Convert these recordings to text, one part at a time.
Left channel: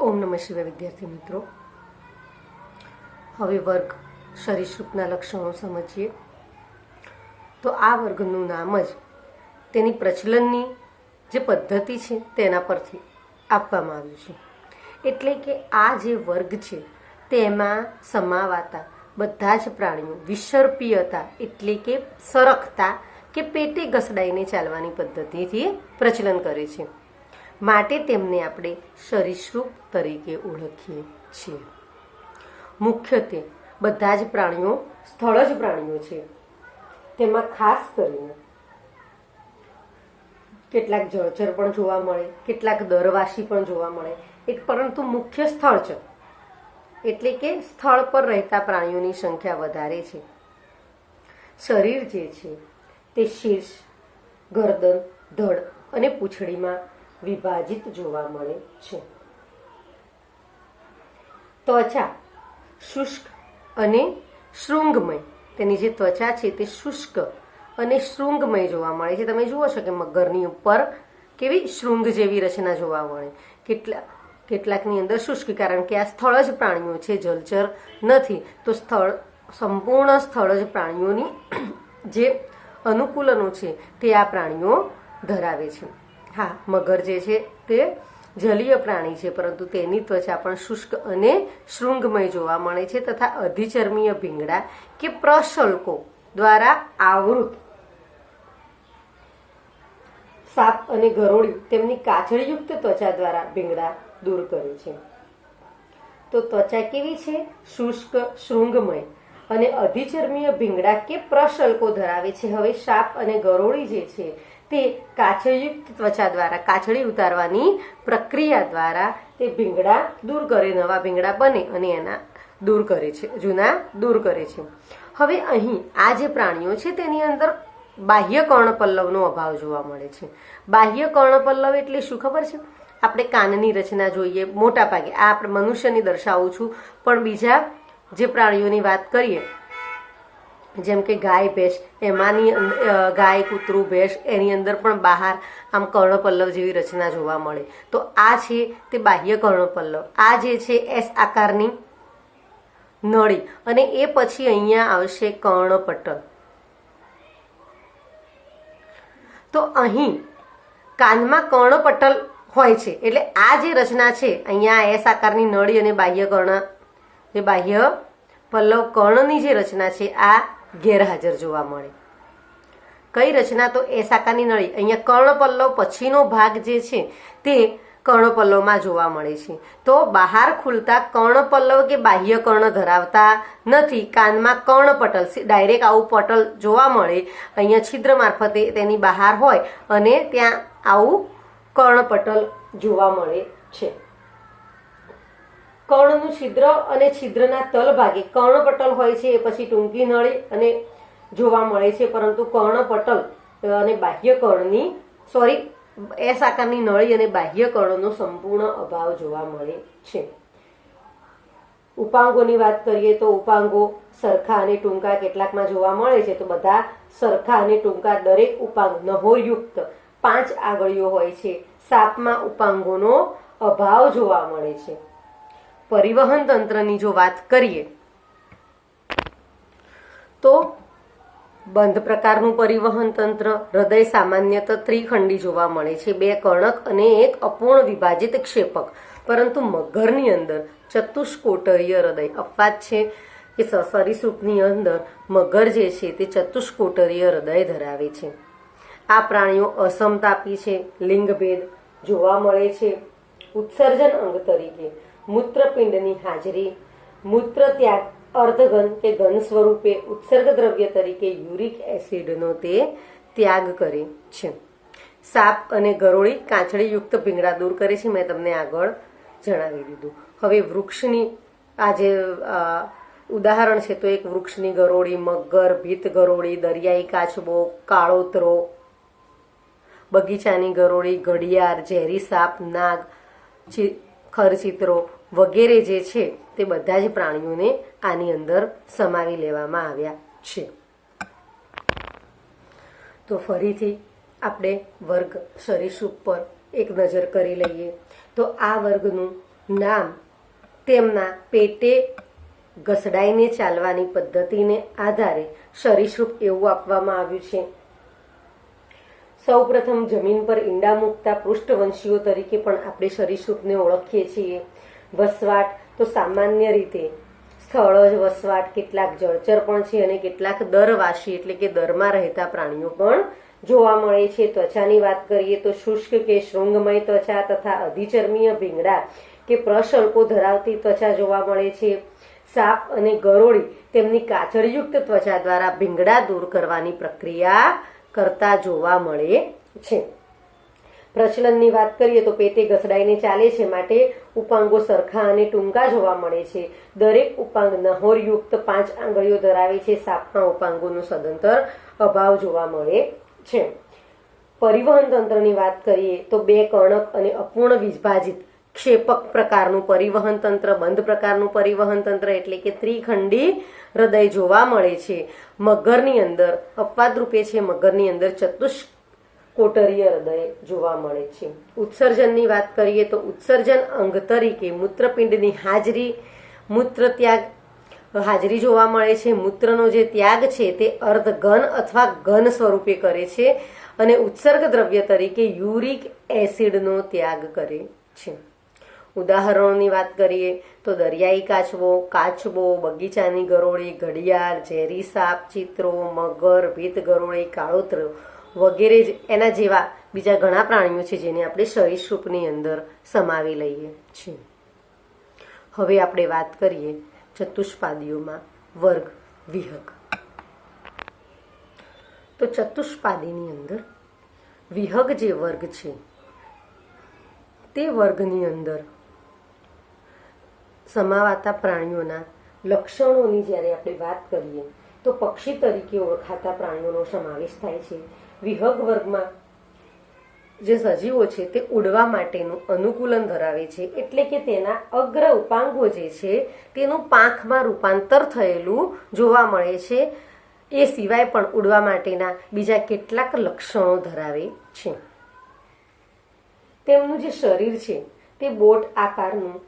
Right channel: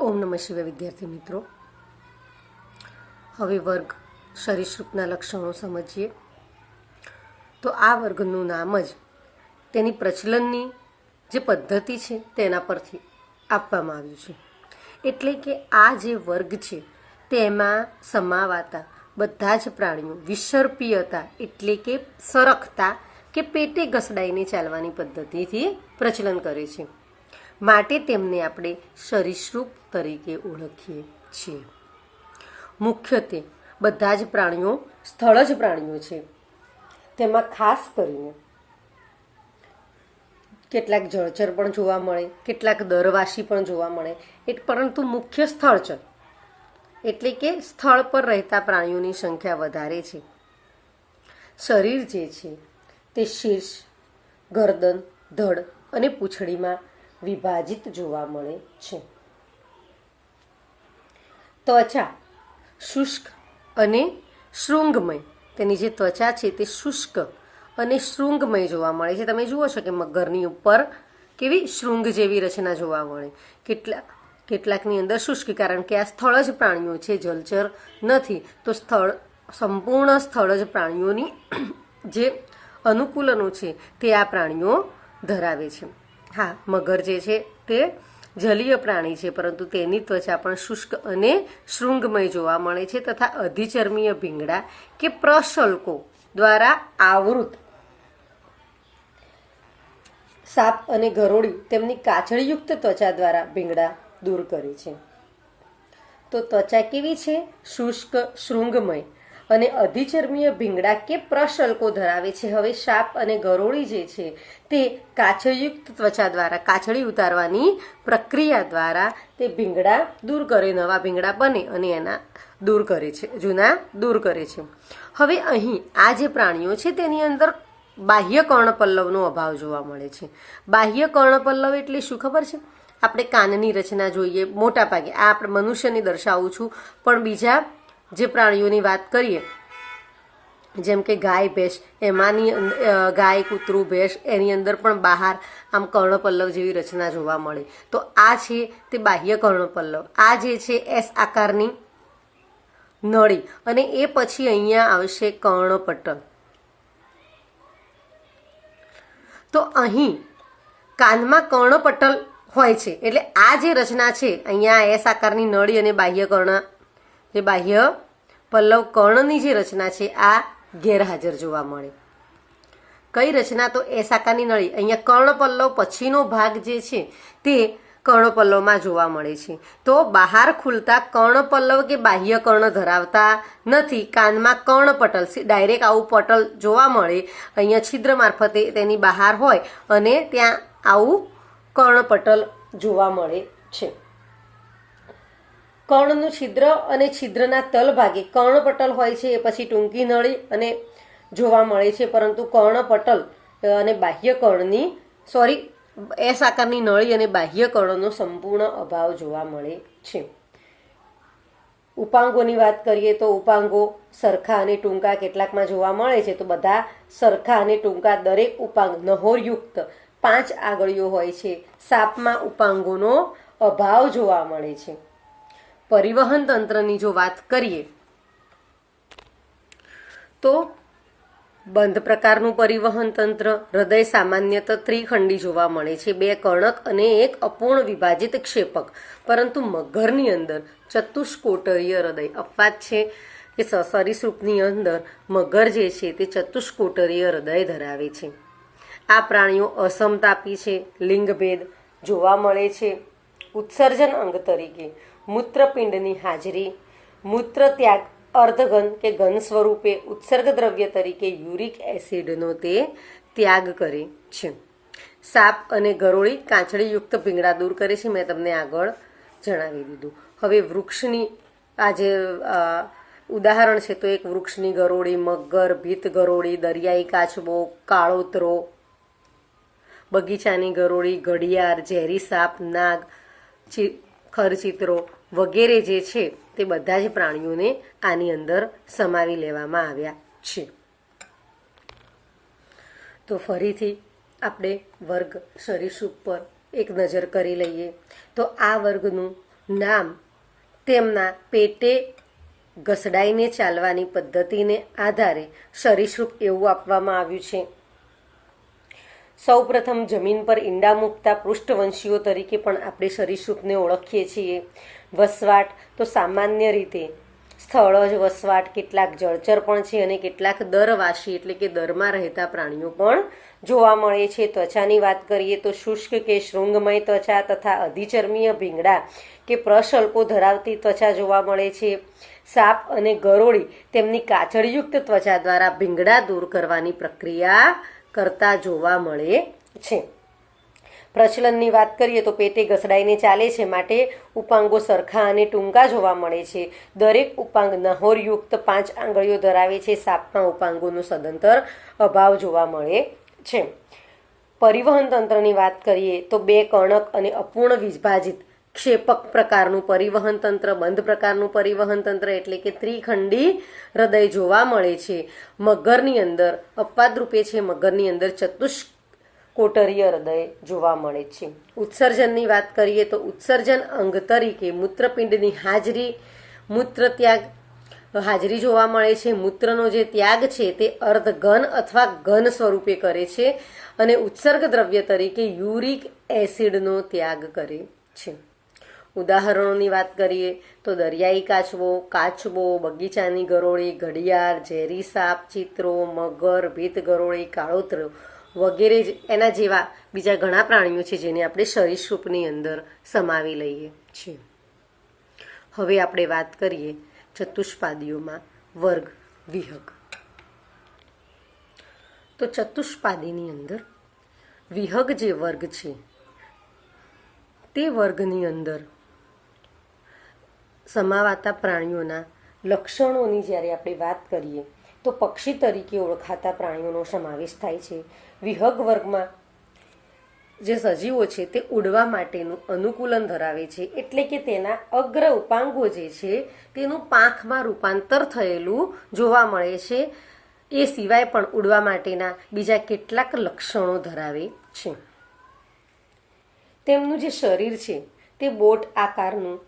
ઓમ નમઃ શિવાય વિદ્યાર્થી મિત્રો, હવે વર્ગ સરીસૃપના લક્ષણો સમજીએ. તો આ વર્ગનું નામ જ તેની પ્રચલનની જે પદ્ધતિ છે તેના પરથી આપવામાં આવ્યું છે. એટલે કે આ જે વર્ગ છે તેમાં સમાવાતા બધા જ પ્રાણીઓ વિસર્પીયતા એટલે કે સરકતા કે પેટે ઘસડાઈને ચાલવાની પદ્ધતિથી પ્રચલન કરે છે. માટે તેમને આપણે સરીસૃપ તરીકે ઓળખીએ છીએ. મુખ્યત્વે બધા જ પ્રાણીઓ સ્થળજ પ્રાણીઓ છે. તેમાં ખાસ કરીને કેટલાક જળચર પણ જોવા મળે, કેટલાક દરવાસી પણ જોવા મળે, પરંતુ મુખ્ય સ્થળ છે એટલે કે સ્થળ પર રહેતા પ્રાણીઓની સંખ્યા વધારે છે. શરીર જે છે તે શીર્ષ, ગરદન, ધડ અને પૂંછડીમાં વિભાજિત જોવા મળે છે. ત્વચા શુષ્ક અને શૃંગમય, તેની જે ત્વચા છે તે શુષ્ક અને શૃંગમય જોવા મળે છે. તમે જુઓ છો કે મગરની ઉપર કેવી શૃંગ જેવી રચના જોવા મળે, કેટલાકની અંદર શુષ્ક, કારણ કે આ સ્થળ જ પ્રાણીઓ છે, જલચર નથી. તો સંપૂર્ણ સ્થળ જ પ્રાણીઓની જે અનુકૂલનો છે તે આ પ્રાણીઓ ધરાવે છે. હા, મગર જે છે તે જલીય પ્રાણી છે, પરંતુ તેની ત્વચા પણ શુષ્ક અને શૃંગમય જોવા મળે છે તથા અધિચર્મીય ભીંગડા કે પ્રશલ્કો દ્વારા આવૃત. સાપ અને ગરોળી તેમની કાચળીયુક્ત ત્વચા દ્વારા ભીંગડા દૂર કરે છે. તો ત્વચા કેવી છે? શુષ્ક, શૃંગમય અને અધિચર્મીય ભીંગડા કે પ્રશલ્કો ધરાવે છે. હવે સાપ અને ગરોળી જે છે તે કાચળયુક્ત ત્વચા દ્વારા, કાચળી ઉતારવાની પ્રક્રિયા દ્વારા તે ભીંગડા દૂર કરે, નવા ભીંગડા બને અને એના દૂર કરે છે, જૂના દૂર કરે છે. હવે અહીં આ જે પ્રાણીઓ છે તેની અંદર બાહ્ય કર્ણપલ્લવનો અભાવ જોવા મળે છે. બાહ્ય કર્ણપલ્લવ એટલે શું ખબર છે? આપણે કાનની રચના જોઈએ મોટા ભાગે, આ આપણે મનુષ્યની દર્શાવું છું, પણ બીજા જે પ્રાણીઓની વાત કરીએ જેમ કે ગાય, ભેંસ, એમાંની ગાય, કૂતરું, ભેંસ, એની અંદર પણ બહાર આમ કર્ણપલ્લવ જેવી રચના જોવા મળે. તો આ છે તે બાહ્ય કર્ણપલ્લવ. આ જે છે એસ આકારની નળી, અને એ પછી અહીંયા આવશે કર્ણપટલ. તો અહીં કાનમાં કર્ણપટલ હોય છે, એટલે આ જે રચના છે અહીંયા એસ આકારની નળી અને બાહ્ય પલ્લવ કર્ણની જે રચના છે આ ગેરહાજર જોવા મળે. કઈ રચના? તો એસ આકારની નળી. અહીંયા કર્ણપલ્લવ પછીનો ભાગ જે છે તે કર્ણપલ્લવમાં જોવા મળે છે. તો બહાર ખુલતા કર્ણપલ્લવ કે બાહ્ય કર્ણ ધરાવતા નથી. કાનમાં કર્ણપટલ, ડાયરેક્ટ આવું પટલ જોવા મળે, અહીંયા છિદ્ર મારફતે તેની બહાર હોય અને ત્યાં આવું કર્ણપટલ જોવા મળે છે. કર્ણનું છિદ્ર અને છિદ્રના તલભાગે કર્ણપટલ હોય છે, એ પછી ટૂંકી નળી અને જોવા મળે છે, પરંતુ કર્ણપટલ અને બાહ્ય કર્ણની એસ આકારની નળી અને બાહ્ય કર્ણનો સંપૂર્ણ અભાવ જોવા મળે છે. ઉપાંગોની વાત કરીએ તો ઉપાંગો સરખા અને ટૂંકા કેટલાકમાં જોવા મળે છે. તો બધા સરખા અને ટૂંકા, દરેક ઉપાંગ નહોરયુક્ત 5 આગળીઓ હોય છે. સાપમાં ઉપાંગોનો અભાવ જોવા મળે છે. પરિવહન તંત્રની જો વાત કરીએ તો બંધ પ્રકારનું પરિવહન તંત્ર. હૃદય સામાન્યતઃ ત્રિખંડી જોવા મળે છે, 2 કર્ણક અને 1 અપૂર્ણ વિભાજિત ક્ષેપક, પરંતુ મગરની અંદર ચતુષ્કોટરીય હૃદય. અપવાદ છે કે સરીસૃપની અંદર મગર જે છે તે ચતુષ્કોટરીય હૃદય ધરાવે છે. આ પ્રાણીઓ અસમતાપી છે, લિંગભેદ જોવા મળે છે. ઉત્સર્જન અંગ તરીકે મૂત્રપિંડની હાજરી, મૂત્ર ત્યાગ અર્ધઘન કે ઘન સ્વરૂપે ઉત્સર્ગ દ્રવ્ય તરીકે યુરિક એસિડનો તે ત્યાગ કરે છે. સાપ અને ગરોળી કાચળીયુક્ત ભીંગડા દૂર કરે છે, મેં તમને આગળ જણાવી દીધું. હવે વૃક્ષની આ જે ઉદાહરણ છે તો એક વૃક્ષની ગરોળી, મગર, ભીત ગરોળી, દરિયાઈ કાચબો, કાળોતરો, બગીચાની ગરોળી, ઘડિયાળ, ઝેરી સાપ, નાગ, ખરચિત્રો વગેરે જે છે તે બધા જ પ્રાણીઓને આની અંદર સમાવી લેવામાં આવ્યા છે. તો ફરીથી આપણે વર્ગ સરીસૃપ પર એક નજર કરી લઈએ. તો આ વર્ગનું નામ તેમના પેટે ઘસડાઈને ચાલવાની પદ્ધતિને આધારે સરીસૃપ એવું આપવામાં આવ્યું છે. સૌપ્રથમ જમીન પર ઈંડા મૂકતા પૃષ્ઠવંશીઓ તરીકે પણ આપણે સરીસૃપને ઓળખીએ છીએ. વસવાટ તો સામાન્ય રીતે સ્થળજ વસવાટ, કેટલાક જળચર પણ છે અને કેટલાક દરવાસી એટલે કે દરમાં રહેતા પ્રાણીઓ પણ જોવા મળે છે. ત્વચાની વાત કરીએ તો શુષ્ક કે શૃંગમય ત્વચા તથા અધિચર્મીય ભીંગડા કે પ્રશલ્કો ધરાવતી ત્વચા જોવા મળે છે. સાપ અને ગરોળી તેમની કાચળયુક્ત ત્વચા દ્વારા ભીંગડા દૂર કરવાની પ્રક્રિયા કરતા જોવા મળે છે. પ્રચલનની વાત કરીએ તો પેટે ઘસડાઈને ચાલે છે, માટે ઉપાંગો સરખા અને ટૂંકા જોવા મળે છે. દરેક ઉપાંગ નહોરયુક્ત 5 આંગળીઓ ધરાવે છે. સાપમાં ઉપાંગોનો સદંતર અભાવ જોવા મળે છે. પરિવહન તંત્રની વાત કરીએ તો 2 કર્ણક અને અપૂર્ણ વિભાજિત ક્ષેપક પ્રકારનું પરિવહન તંત્ર, બંધ પ્રકારનું પરિવહન તંત્ર એટલે કે ત્રિખંડી હૃદય જોવા મળે છે. મગરની અંદર અપવાદ રૂપે છે, મગરની અંદર ચતુષ્કોટરીય હૃદય જોવા મળે છે. ઉત્સર્જનની વાત કરીએ તો ઉત્સર્જન અંગ તરીકે મૂત્રપિંડની હાજરી જોવા મળે છે. મૂત્રનો જે ત્યાગ છે તે અર્ધ ઘન અથવા ઘન સ્વરૂપે કરે છે અને ઉત્સર્ગ દ્રવ્ય તરીકે યુરિક એસિડનો ત્યાગ કરે છે. ઉદાહરણોની વાત કરીએ તો દરિયાઈ કાચબો, બગીચાની ગરોળી, ઘડિયાળ, ઝેરી સાપ, ચિત્રો, મગર, ભીત ગરોળી, કાળોતર વગેરે એના જેવા બીજા ઘણા પ્રાણીઓ છે જેને આપણે સરીસૃપની અંદર સમાવી લઈએ છીએ. હવે આપણે વાત કરીએ ચતુષ્પાદીઓમાં વર્ગ વિહગ. તો ચતુષ્પાદીની અંદર વિહગ જે વર્ગ છે તે વર્ગની અંદર સમાવાતા પ્રાણીઓના લક્ષણોની જ્યારે આપણે વાત કરીએ તો પક્ષી તરીકે ઓળખાતા પ્રાણીઓનો સમાવેશ થાય છે. વિહગ વર્ગમાં જે સજીવો છે તે ઉડવા માટેનું અનુકૂલન ધરાવે છે, એટલે કે તેના અગ્ર ઉપાંગો જે છે તેનું પાંખમાં રૂપાંતર થયેલું જોવા મળે છે. એ સિવાય પણ ઉડવા માટેના બીજા કેટલાક લક્ષણો ધરાવે છે. તેમનું જે શરીર છે તે બોટ આકારનું,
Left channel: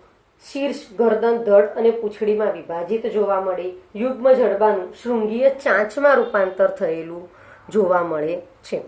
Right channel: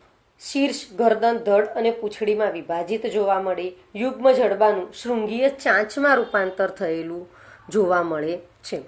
શીર્ષ, ગરદન, ધડ અને પૂંછડીમાં વિભાજિત જોવા મળે. યુગ્મ જડબાનું શૃંગીય ચાંચમાં રૂપાંતર થયેલું જોવા મળે છે.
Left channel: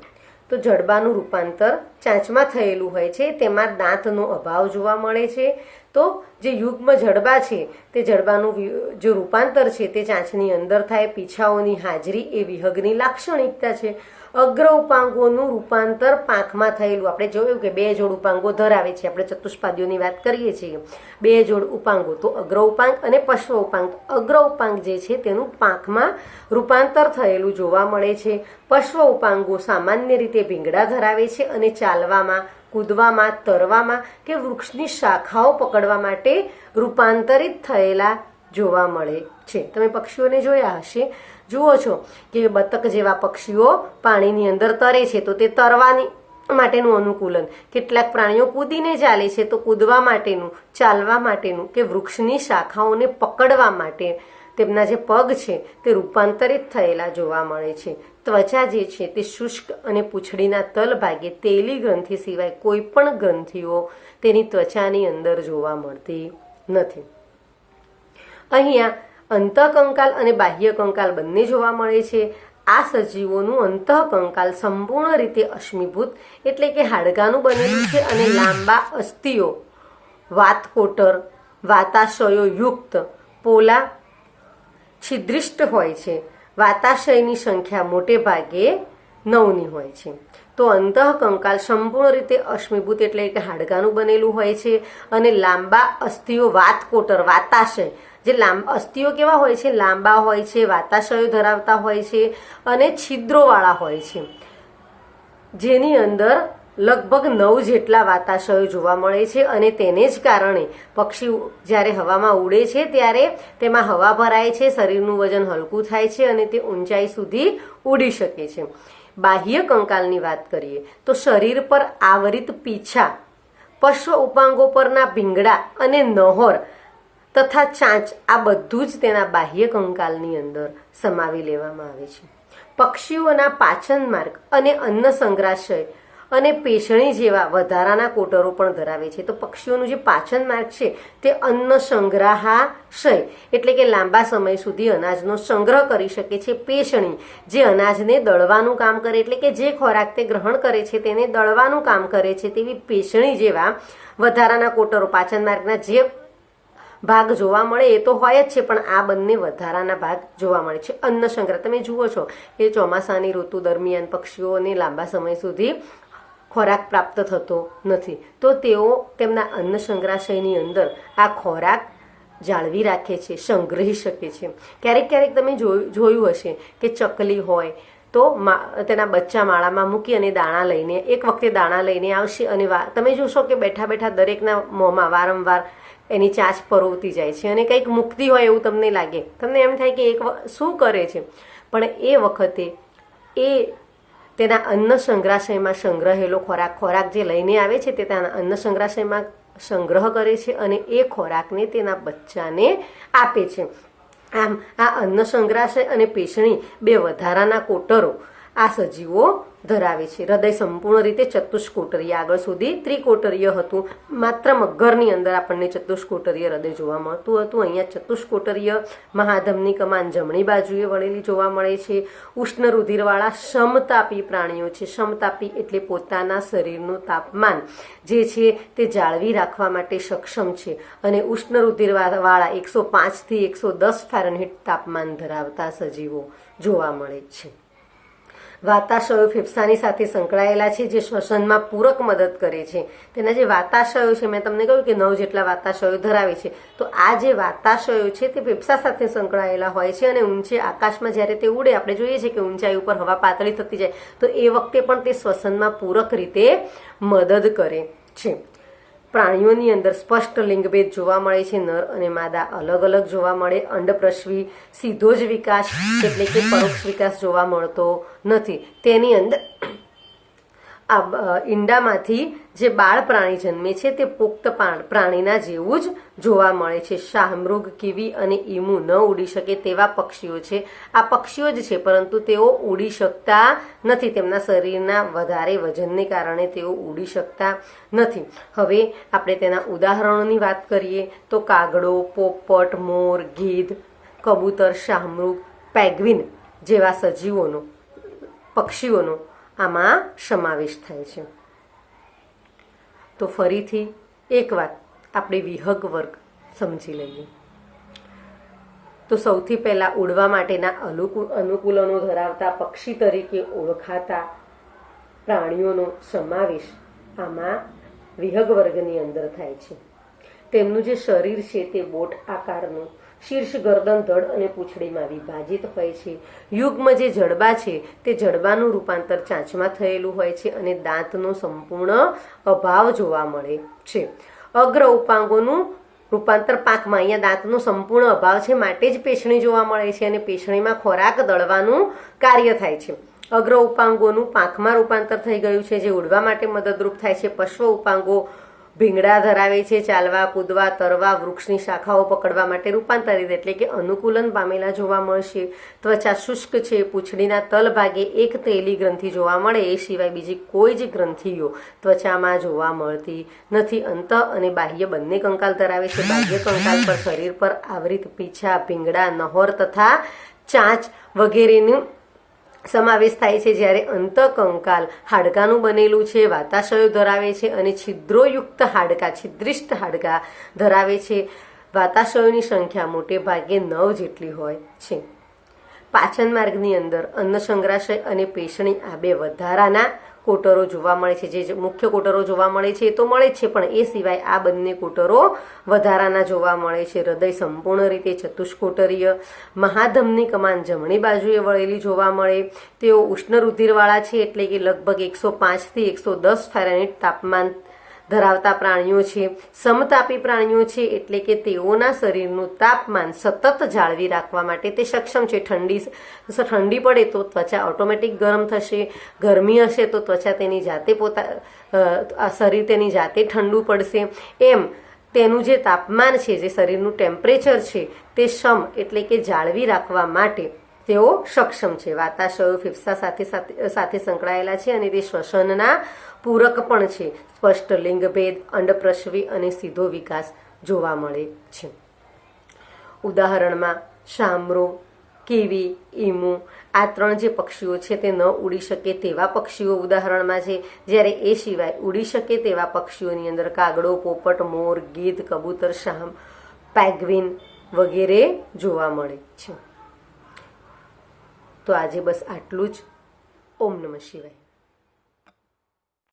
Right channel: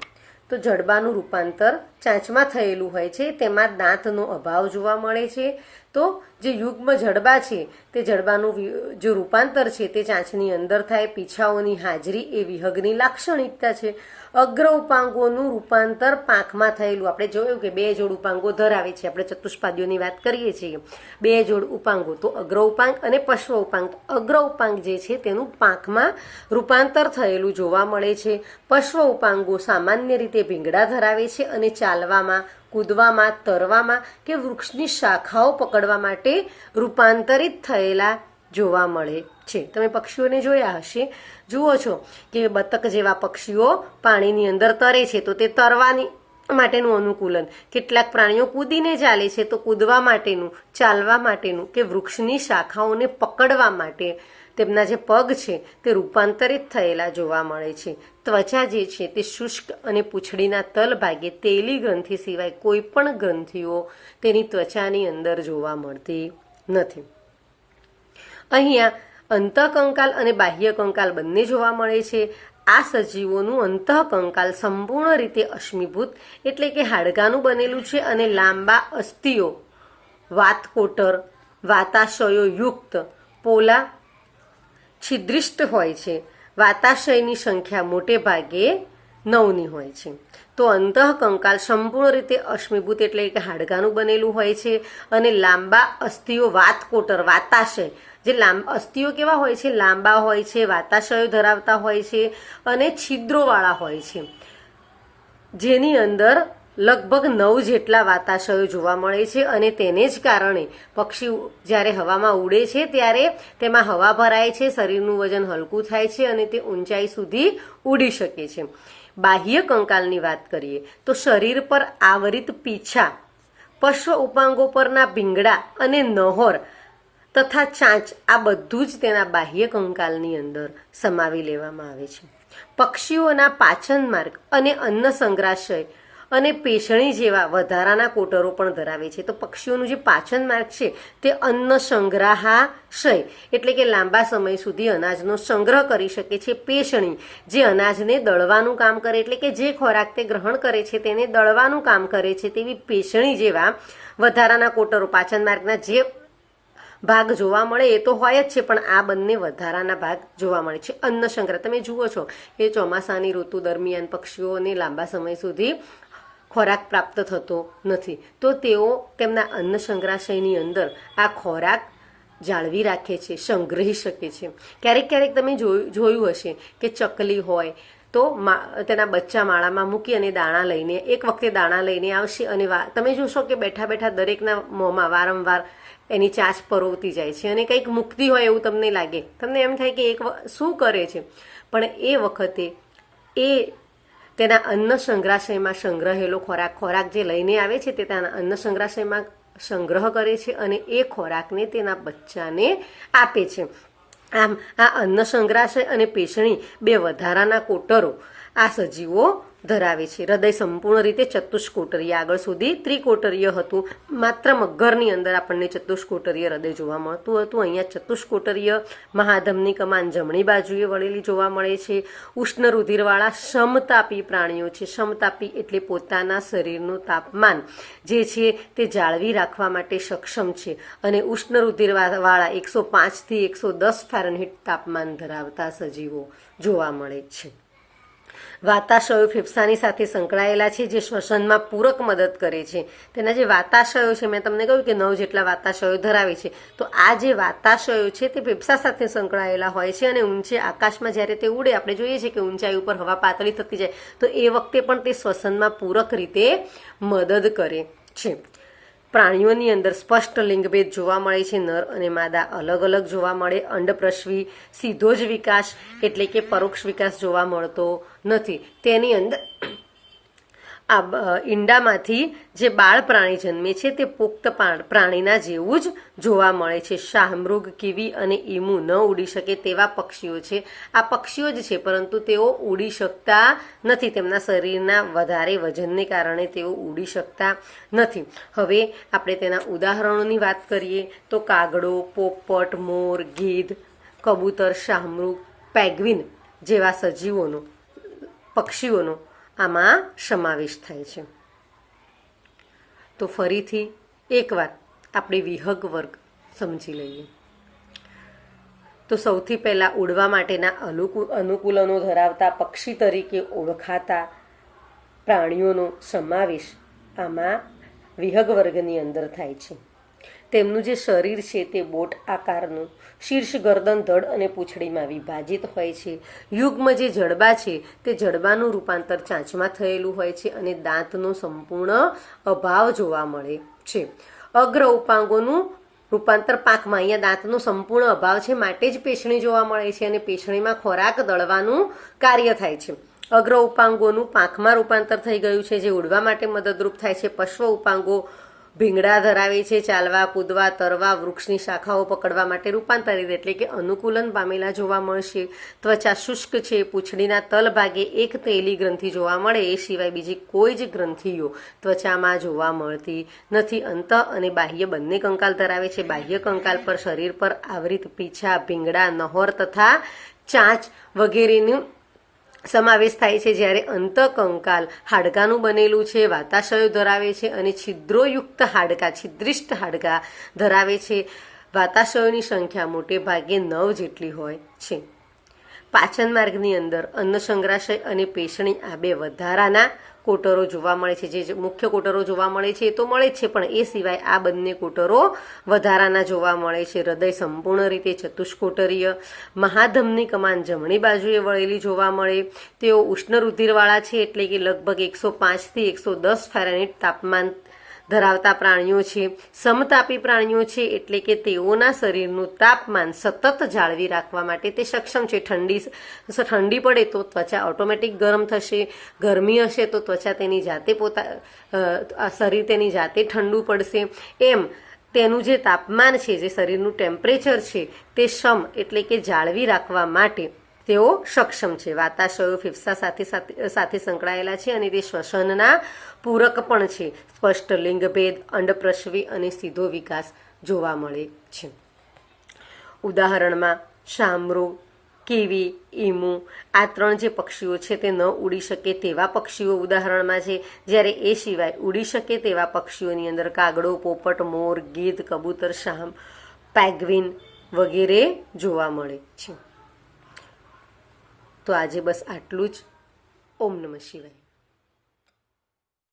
તો જડબાનું રૂપાંતર ચાંચમાં થયેલું હોય છે, તેમાં દાંતનો અભાવ જોવા મળે છે. તો જે યુગ્મ જડબા છે તે જડબાનું જે રૂપાંતર છે તે ચાંચની અંદર થાય. પીછાઓની હાજરી એ વિહગની લાક્ષણિકતા છે. અગ્ર ઉપાંગોનું રૂપાંતર પાંખમાં થયેલું, આપણે જોયું કે 2 જોડ ઉપાંગો ધરાવે છે. આપણે ચતુષ્પાદીઓની વાત કરીએ છીએ, 2 જોડ ઉપાંગો, તો અગ્ર ઉપાંગ અને પશ્વ ઉપાંગ. અગ્ર ઉપાંગ જે છે તેનું પાંખમાં રૂપાંતર થયેલું જોવા મળે છે. પશ્વ ઉપાંગો સામાન્ય રીતે ભીંગડા ધરાવે છે અને ચાલવામાં, કૂદવામાં, તરવામાં કે વૃક્ષની શાખાઓ પકડવા માટે રૂપાંતરિત થયેલા જોવા મળે છે. તમે પક્ષીઓને જોયા હશે, જુઓ છો કે બતક જેવા પક્ષીઓ પાણીની અંદર તરે છે તો તે તરવાની માટેનું અનુકૂલન, કેટલાક પ્રાણીઓ કૂદીને ચાલે છે તો કૂદવા માટેનું, ચાલવા માટેનું કે વૃક્ષની શાખાઓને પકડવા માટે તેમના જે પગ છે તે રૂપાંતરિત થયેલા જોવા મળે છે. ત્વચા જે છે તે શુષ્ક અને પૂંછડીના તલ ભાગે તેલી ગ્રંથિ સિવાય કોઈ પણ ગ્રંથિઓ તેની ત્વચાની અંદર જોવા મળતી નથી. અહીંયા અંતઃકંકાલ અને બાહ્ય કંકાલ બંને જોવા મળે છે. આ સજીવોનું અંતઃકંકાલ સંપૂર્ણ રીતે અશ્મિભૂત એટલે કે હાડકાનું બનેલું છે અને લાંબા અસ્થિઓ, વાતકોટર, વાતાશયો યુક્ત પોલા છિદ્રિષ્ટ હોય છે. વાતાશયની સંખ્યા મોટે ભાગે 9ની હોય છે. તો અંતઃકંકાલ સંપૂર્ણ રીતે અશ્મિભૂત એટલે કે હાડકાનું બનેલું હોય છે અને લાંબા અસ્થિઓ, વાતકોટર, વાતાશય, જે અસ્થિઓ કેવા હોય છે? લાંબા હોય છે, વાતાશયો ધરાવતા હોય છે અને છિદ્રોવાળા હોય છે, જેની અંદર લગભગ 9 જેટલા વાતાશયો જોવા મળે છે. અને તેને જ કારણે પક્ષી જ્યારે હવામાં ઉડે છે ત્યારે તેમાં હવા ભરાય છે, શરીરનું વજન હલકું થાય છે અને તે ઊંચાઈ સુધી ઉડી શકે છે. બાહ્ય કંકાલની વાત કરીએ તો શરીર પર આવરિત પીછા, પશ્વ ઉપાંગો પરના ભીંગડા અને નહોર તથા ચાંચ, આ બધું જ તેના બાહ્ય કંકાલની અંદર સમાવી લેવામાં આવે છે. પક્ષીઓના પાચન માર્ગ અને અન્ન સંગ્રહાશય અને પેશણી જેવા વધારાના કોટરો પણ ધરાવે છે. તો પક્ષીઓનું જે પાચન માર્ગ છે તે અન્ન સંગ્રહાશય એટલે કે લાંબા સમય સુધી અનાજનો સંગ્રહ કરી શકે છે. પેશણી જે અનાજને દળવાનું કામ કરે એટલે કે જે ખોરાક તે ગ્રહણ કરે છે તેને દળવાનું કામ કરે છે તેવી પેશણી જેવા વધારાના કોટરો પાચન માર્ગના જે ભાગ જોવા મળે એ તો હોય જ છે, પણ આ બંને વધારાના ભાગ જોવા મળે છે. અન્ન સંગ્રહ તમે જુઓ છો એ ચોમાસાની ઋતુ દરમિયાન પક્ષીઓને લાંબા સમય સુધી ખોરાક પ્રાપ્ત થતો નથી, તો તેઓ તેમના અન્ન સંગ્રહાશયની અંદર આ ખોરાક જાળવી રાખે છે, સંગ્રહી શકે છે. ક્યારેક ક્યારેક તમે જોયું હશે કે ચકલી હોય તો તેના બચ્ચા માળામાં મૂકી અને દાણા લઈને એક વખતે દાણા લઈને આવશે અને તમે જોશો કે બેઠા બેઠા દરેકના મોંમાં વારંવાર એની ચાંચ પરોવતી જાય છે અને કંઈક મુકતી હોય એવું તમને લાગે. તમને એમ થાય કે શું કરે છે, પણ એ વખતે એ તેના અન્ન સંગ્રહાશયમાં સંગ્રહેલો ખોરાક જે લઈને આવે છે તે તેના અન્ન સંગ્રહાશયમાં સંગ્રહ કરે છે અને એ ખોરાકને તેના બચ્ચાને આપે છે. આમ આ અન્ન સંગ્રહાશય અને પેશણી બે વધારાના કોટરો આ સજીવો ધરાવે છે. હૃદય સંપૂર્ણ રીતે ચતુષ્કોટરીય, આગળ સુધી ત્રિકોટરીય હતું. માત્ર મગરની અંદર આપણને ચતુષ્કોટરીય હૃદય જોવા મળતું હતું. અહીંયા ચતુષ્કોટરીય. મહાધમની કમાન જમણી બાજુએ વળેલી જોવા મળે છે. ઉષ્ણ રુધિરવાળા સમતાપી પ્રાણીઓ છે. સમતાપી એટલે પોતાના શરીરનું તાપમાન જે છે તે જાળવી રાખવા માટે સક્ષમ છે અને ઉષ્ણ રુધિરવાળા 105 થી 110 ફેરનહીટ તાપમાન ધરાવતા સજીવો જોવા મળે છે. વાતાશયો ફેફસાની સાથે સંકળાયેલા છે જે શ્વસનમાં પૂરક મદદ કરે છે. તેના જે વાતાશયો છે મેં તમને કહ્યું કે 9 જેટલા વાતાશયો ધરાવે છે. તો આ જે વાતાશયો છે તે ફેફસા સાથે સંકળાયેલા હોય છે અને ઊંચે આકાશમાં જ્યારે તે ઉડે, આપણે જોઈએ છીએ કે ઊંચાઈ ઉપર હવા પાતળી થતી જાય તો એ વખતે પણ તે શ્વસનમાં પૂરક રીતે મદદ કરે છે. પ્રાણીઓની અંદર સ્પષ્ટ લિંગભેદ જોવા મળે છે. નર અને માદા અલગ અલગ જોવા મળે. અંડપ્રસવી સીધો જ વિકાસ એટલે કે પરોક્ષ વિકાસ જોવા મળતો નથી. તેની અંદર ઈંડામાંથી જે બાળ પ્રાણી જન્મે છે તે પુખ્ત પ્રાણીના જેવું જ જોવા મળે છે. શાહમૃગ, કીવી અને ઈમુ ન ઉડી શકે તેવા પક્ષીઓ છે. આ પક્ષીઓ જ છે પરંતુ તેઓ ઉડી શકતા નથી. તેમના શરીરના વધારે વજનને કારણે તેઓ ઉડી શકતા નથી. હવે આપણે તેના ઉદાહરણોની વાત કરીએ તો કાગડો, પોપટ, મોર, ગીધ, કબૂતર, શાહમૃગ, પેંગ્વિન જેવા પક્ષીઓનો આમાં સમાવેશ થાય છે. તો ફરીથી એકવાર આપણે વિહંગ વર્ગ સમજી લઈએ. તો સૌથી પહેલા ઉડવા માટેના અનુકૂલનો ધરાવતા પક્ષી તરીકે ઓળખાતા પ્રાણીઓનો સમાવેશ આમાં વિહંગ વર્ગની અંદર થાય છે. તેમનું જે શરીર છે તે બોટ આકારનું, શીર્ષ, ગરદન, ધડ અને પૂંછડીમાં વિભાજિત હોય છે. યુગ્મ જે જડબા છે તે જડબાનું રૂપાંતર ચાંચમાં થયેલું હોય છે અને દાંતનો સંપૂર્ણ અભાવ જોવા મળે છે. અગ્ર ઉપાંગોનું રૂપાંતર પાંખમાં, અહીંયા દાંતનો સંપૂર્ણ અભાવ છે માટે જ પેશણી જોવા મળે છે અને પેશણીમાં ખોરાક દળવાનું કાર્ય થાય છે. અગ્ર ઉપાંગોનું પાંખમાં રૂપાંતર થઈ ગયું છે જે ઉડવા માટે મદદરૂપ થાય છે. પશ્વ ઉપાંગો ભીંગડા ધરાવે છે. ચાલવા, કૂદવા, તરવા, વૃક્ષની શાખાઓ પકડવા માટે રૂપાંતરિત એટલે કે અનુકૂલન પામેલા જોવા મળશે. ત્વચા શુષ્ક છે. પૂંછડીના તલ ભાગે એક તેલી ગ્રંથિ જોવા મળે એ સિવાય બીજી કોઈ જ ગ્રંથિઓ ત્વચામાં જોવા મળતી નથી. અંત અને બાહ્ય બંને કંકાલ ધરાવે છે. બાહ્ય કંકાલ પર શરીર પર આવૃત પીછા, ભીંગડા, નહોર તથા ચાંચ વગેરેનું સમાવેશ થાય છે. જ્યારે અંતકંકાલ હાડકાનું બનેલું છે, વાતાશયો ધરાવે છે અને છિદ્રોયુક્ત હાડકા, છિદ્રિષ્ટ હાડકા ધરાવે છે. વાતાશયોની સંખ્યા મોટે ભાગે 9 જેટલી હોય છે. પાચન માર્ગની અંદર અન્ન સંગ્રહાશય અને પેશણી આ બે વધારાના કોટરો જોવા મળે છે. જે મુખ્ય કોટરો જોવા મળે છે એ તો મળે જ છે, પણ એ સિવાય આ બંને કોટરો વધારાના જોવા મળે છે. હૃદય સંપૂર્ણ રીતે ચતુષ્કોટરીય. મહાધમની કમાન જમણી બાજુએ વળેલી જોવા મળે. તેઓ ઉષ્ણ રુધિરવાળા છે એટલે કે લગભગ 105 થી 110 ફેરનહીટ તાપમાન ધરાવતા પ્રાણીઓ છે. સમતાપી પ્રાણીઓ છે એટલે કે તેઓના શરીરનું તાપમાન સતત જાળવી રાખવા માટે તે સક્ષમ છે. ઠંડી પડે તો ત્વચા ઓટોમેટિક ગરમ થશે. ગરમી હશે તો ત્વચા તેની જાતે શરીર તેની જાતે ઠંડુ પડશે. એમ તેનું જે તાપમાન છે, જે શરીરનું ટેમ્પરેચર છે તે એટલે કે જાળવી રાખવા માટે તેઓ સક્ષમ છે. વાતાશયો ફેફસા સાથે સંકળાયેલા છે અને તે શ્વસનના પૂરક પણ છે. સ્પષ્ટ લિંગભેદ, અંડપ્રસવી અને સીધો વિકાસ જોવા મળે છે. ઉદાહરણમાં શામરો, કેવી, ઈમુ આ 3 જે પક્ષીઓ છે તે ન ઉડી શકે તેવા પક્ષીઓ ઉદાહરણમાં છે. જ્યારે એ સિવાય ઉડી શકે તેવા પક્ષીઓની અંદર કાગડો, પોપટ, મોર, ગીધ, કબૂતર, શામ, પેંગ્વિન વગેરે જોવા મળે છે. તો આજે બસ આટલું જ. ઓમ નમઃ શિવાય.